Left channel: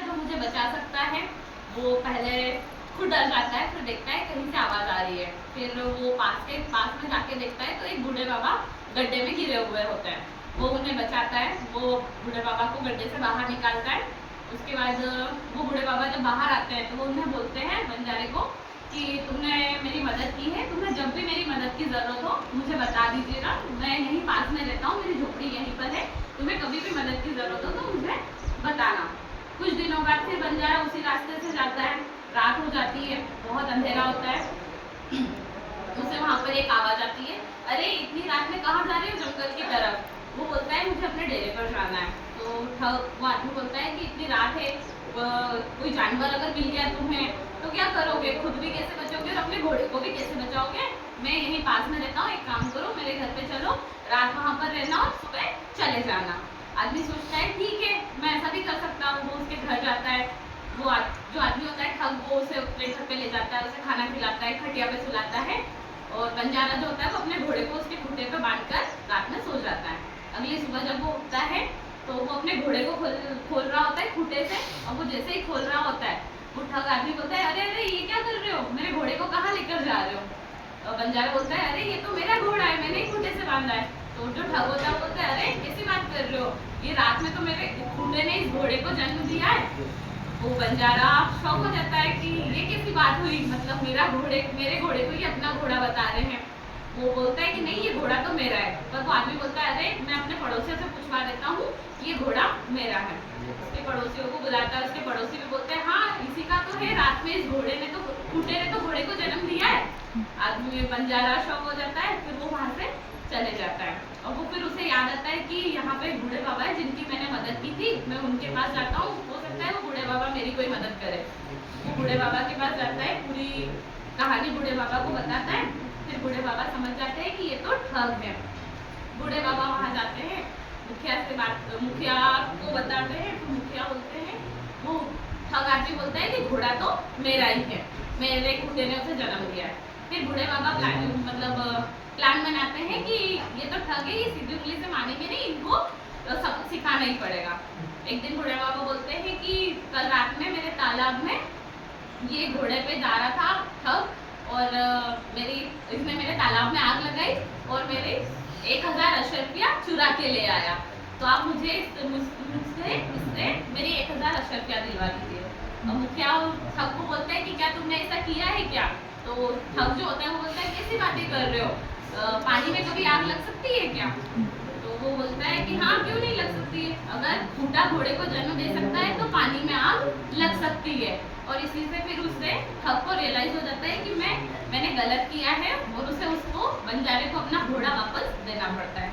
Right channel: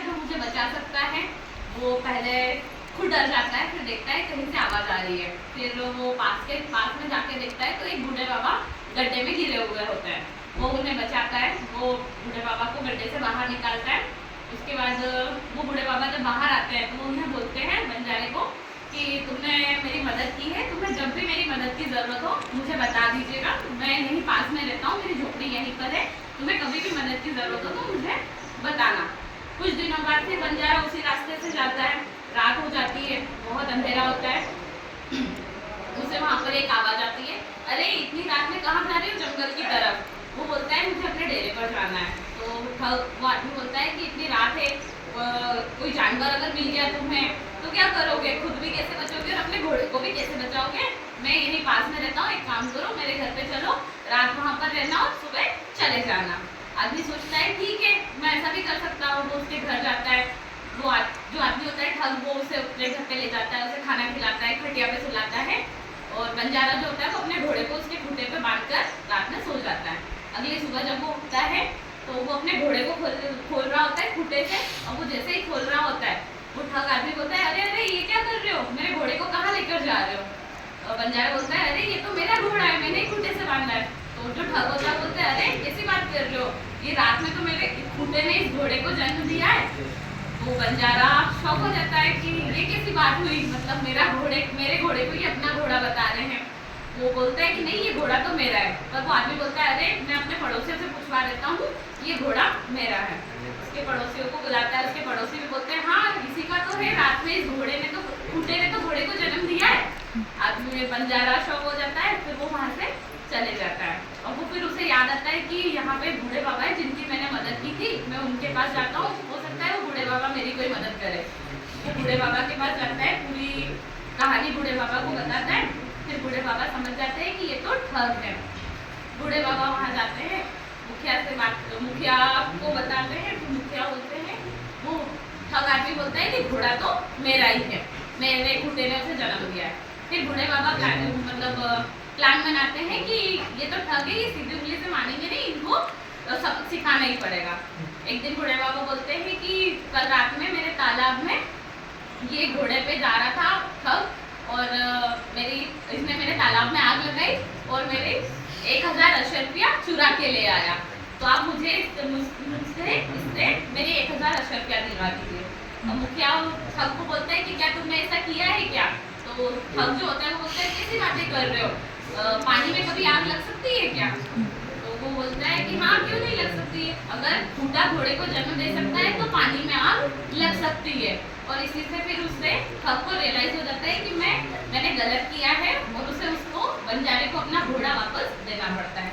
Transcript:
है जो मुझे बचा सकता है वो पहले खुद डर जाता है, फिर देखता है कहीं से आवाज़ आ रही है, फिर वो पास में जाके देखता है तो एक बूढ़े बाबा गड्ढे में गिरे हुए होते हैं। वो उन्हें बचाता है, वो बूढ़े बाबा को गड्ढे से बाहर निकालता है। उसके बाद वो बूढ़े बाबा जब बाहर आते हैं तो वो उन्हें बोलते हैं बंजारे को कि तुमने मेरी मदद की है, तुम्हें जब भी मेरी मदद की ज़रूरत हो मुझे बता दीजिएगा, मैं यहीं पास में रहता हूँ, मेरी झोपड़ी यहीं पर है, तुम्हें कभी भी मदद की ज़रूरत हो तो मुझे बताना। कुछ दिनों बाद फिर बंजारा उसी रास्ते से जाता है, रात हो जाती है, बहुत अंधेरा होता है। उसे वहाँ पर एक आवाज़ आती है, अरे इतनी रात में कहाँ जा रही हो जंगल की तरफ। वो बोलता है मुझे अपने डेरे पर जाना है। तो वो आदमी बोलता है कि इतनी रात है, कोई जानवर अगर मिल गया तुम्हें तो क्या करोगे, खुद भी कैसे बचोगे और अपने घोड़े को भी कैसे बचाओगे। मैं यहीं पास में रहता हूँ, एक काम करो मेरे घर पे चलो, रात वहाँ पर रहना और सुबह चले जाना। आदमी सोचता है ठीक है मैं ऐसा भी कर सकता हूँ। वो उसके घर जाता है, जो आदमी होता है ठग, वो उसे अपने घर पे ले जाता है, उसे खाना खिलाता है, खटिया पे सुलाता है, और बंजारा जो होता है वो अपने घोड़े को उसके खूंटे पे बांधकर रात में सो जाता है। अगली सुबह जब वो उठता है तो वो अपने घोड़े को खोल रहा होता है खूंटे से, और वो जैसे ही खोल रहा होता है वो ठग आदमी बोलता है अरे अरे ये क्या कर रहे हो, मेरे घोड़े को कहाँ लेकर जा रहे हो। और बंजारा बोलता है अरे ये तो मेरा घोड़ा है, मैंने ही खूंटे से बांधा है। तो जो ठग होता है बोलता है अरे कैसी बात कर रहे हो, ये रात में तो मेरे खूंटे ने इस घोड़े को जन्म दिया है। तो बंजारा शौक हो जाता है कि ये कैसी बात हुई, मतलब मेरे घोड़े को ये अपना घोड़ा बता रहे हैं। वो बोलता है कि नहीं ये घोड़ा तो मेरा है, पर वो आदमी बोलता है अरे मैं अपने पड़ोसी से पूछवा देता हूँ, ये घोड़ा मेरा है। उसके पड़ोसियों को बुलाता है, उसके पड़ोसी भी बोलते हैं हाँ इसी का तो है, रात में इस घोड़े ने तो खूंटे ने तो घोड़े को जन्म दिया है। आदमी में बंजारा शौक हो जाता है, फिर वो वहाँ से चले जाता है। और वो फिर उसे याद आता है कि यहाँ पे बूढ़े बाबा है जिनकी मैंने मदद की थी, मैं उनके पास जाता हूँ, हो सकता है वो बूढ़े बाबा मेरी कोई मदद करे। वो बूढ़े बाबा के पास जाता है, पूरी कहानी बूढ़े बाबा को बताता है। फिर बूढ़े बाबा समझ जाते हैं कि ये तो ठग है। बूढ़े बाबा वहाँ जाते हैं, मुखिया को बताते हैं, तो मुखिया बोलते हैं, वो ठग आदमी बोलता है कि घोड़ा तो मेरा ही है, मेरे खूंटे ने उसे जन्म दिया है। फिर बूढ़े बाबा प्लान बनाते हैं कि ये तो ठग है, ये सीधी उंगली से मानेंगे नहीं, इनको सबक सिखाना ही पड़ेगा। एक दिन बूढ़े बाबा बोलते हैं कि कल रात में मेरे तालाब में ये घोड़े पे जा रहा था ठग, और इसने मेरे तालाब में आग लगाई और मेरे 1000 अशर रुपया चुरा के ले आया, तो आप मुझे मुझसे इससे मेरे 1000 अशर रुपया दिलवा दीजिए। अब मुखिया ठग को बोलते हैं कि क्या तुमने ऐसा किया है क्या। तो ठग जो होता है वो बोलता है कैसी बातें कर रहे हो, पानी में कभी आग लग सकती है क्या। तो वो बोलता है कि हाँ क्यों नहीं लग सकती है, अगर खूंटा घोड़े को जन्म दे सकता है तो पानी में आग लग सकती है। और इसी से फिर उससे ठग को रियलाइज हो जाता है कि मैंने गलत किया है, और उसको बंजारे को अपना घोड़ा वापस देना पड़ता है।